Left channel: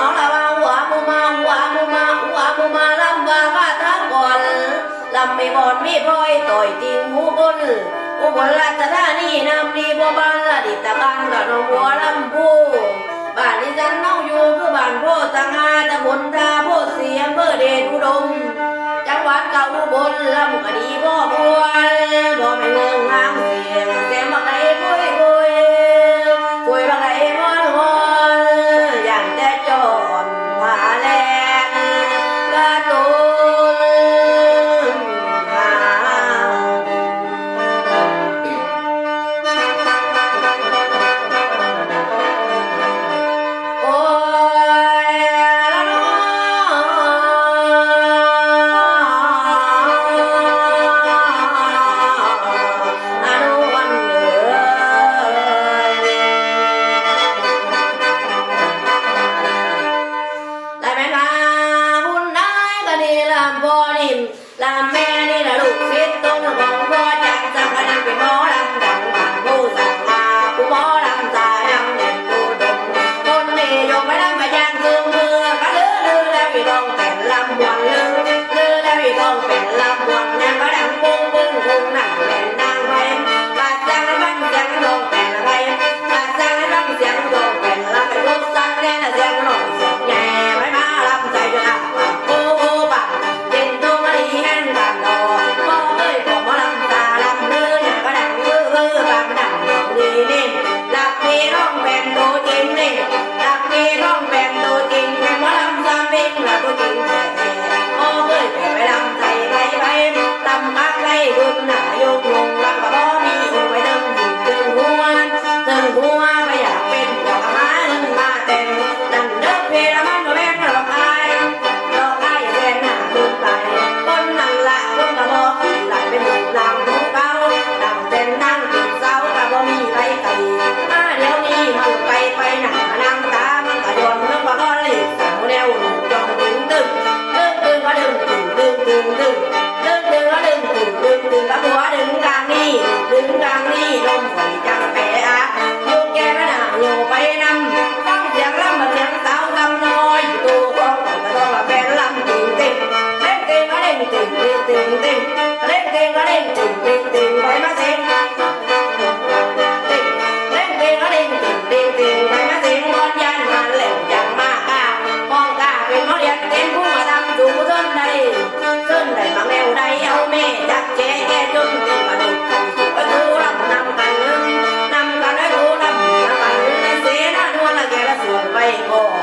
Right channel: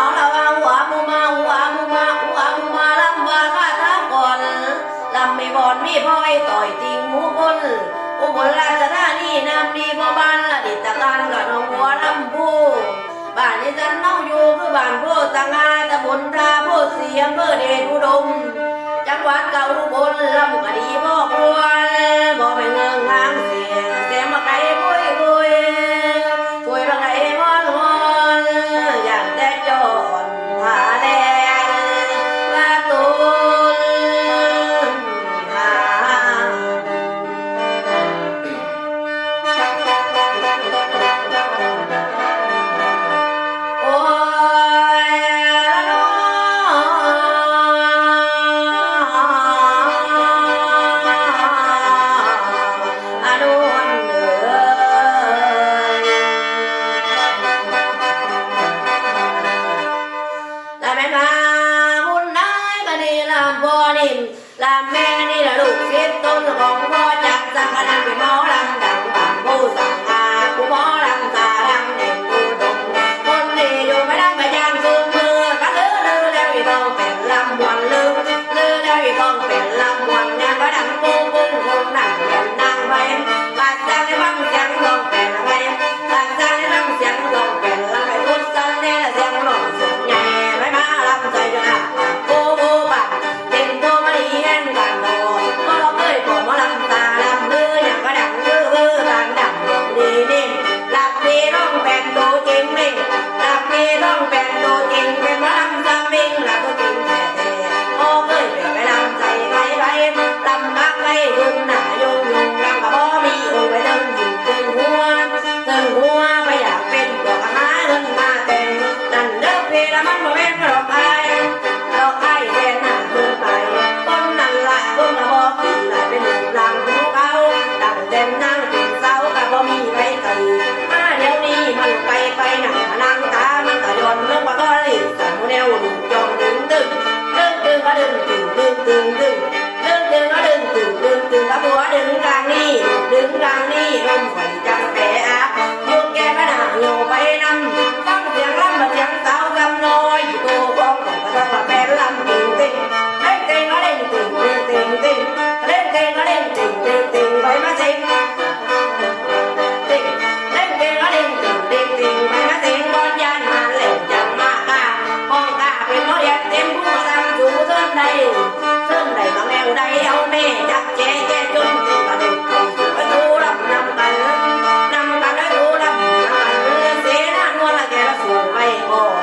เอาละว่าหัวมูมาหัวมูมาหัวมูมาลำว่าข้าท้าก่อนลำไม่บอดมีพลอยต่อยติงหมูบนอุบลราชธานีนำดีบัวบานละดิตะการกับน้องหัวลำพูบ้านนี้ฉันเน่าอยู่คือบ้านโพสังอาตะบนทาโพเสียมเพื่อเดชอุดมจังหวัดเก่าอุบลลำกะดีพ่อบัวบ่ไม่เงืองงามเสียงแสงบักไก่ปุยปุยปุยบักไก่มอนมอนอย่างแต่จอนผาแลนว่าตูนผาโอ้ยละน้อนุวันเอ๋ยได้ไหมคะบุญได้ก็ดีลำพ่อนิ่มลำแม่นี่ละลูกศิษย์ต้นของพ่อจักสังกัดเป็นหมอลำดังบางผู้สั่งมาผู้หมอลำตาดังเด่นผู้ดมคนนี้อยู่ไม่ได้มาย่างซุงมือก็ลือแล้วอีต้องเป็นลำวันลือแล้วอีต้องเป็นลำวันเนี่ยก็ดังปุ้งปุ้งปุ้งนั่งเล่นนั่งไปบาดจังให้ฟังจังลงเป็นอะไรบาดจังให้ฟังจังลงเป็นลำไปทุกสังเนี่ยเสียงหล่นเสียงใหญ่ไม่มาลำใจจะนักปากปูปากเด่นตัวมาดีแห่งกันโดก็เคยผมมาลำตาลำมืออย่างก็ดังบางดังยองดีนิ่มหลับปีร้องเป็นตัวจริงนิ่มหลับปีร้องเป็นตัวจริงเป็นมาลำซ้ำวิ่งหลับตัวจริงแท้โอ้เคยไปลำใจไปลำกักไล่ดุนหนาโยงลำกับบ่มีองค์ไปตึงหัวไปอยากเป็นพวกหาเงินมาเต็มนั่นเด้อเพลมันมาแม่งหลอกอายแฟนหน้ามึงไปคนนั่นละคนมาบอกที่หลายเป็นหนุ่มลำหูเก่าดังเต้นนั่งติดเสากับบ่มีไรไก่มาเดี๋ยวนี้มันไปหนังนางตามันก็ย้อนเรื่องบ่ก็รีบสั่งแนวหนุ่มจองตึงก็ดึงก็บัวดึงกลางนี่ลมฝนจังแปะโยกแก่ก็หนาโยไปนำฟังเสียงลำมาเสียงสาวกำน้อยอยู่ตัวของต่อยก็ต้องละเป็นลำติ่งเล่นเก่งก็เล่นติ่งเล่นเก่งก็เล่นติ่งไปมาเสียงเล่นเก่งก็เล่นติ่งไปมาเสียงบอลยันมาเล่นจังมากกาห้องกาเป็นหมอเรียนเต็มผู้มาทำสู่เส้นใดมาแมวใดเอาแม่จักแก่จนเต็มกระดูกเข้าสู่ประตูรับนำกันได้ดูนำกันเสียหน้านัวละแกละสู่ไปก่อน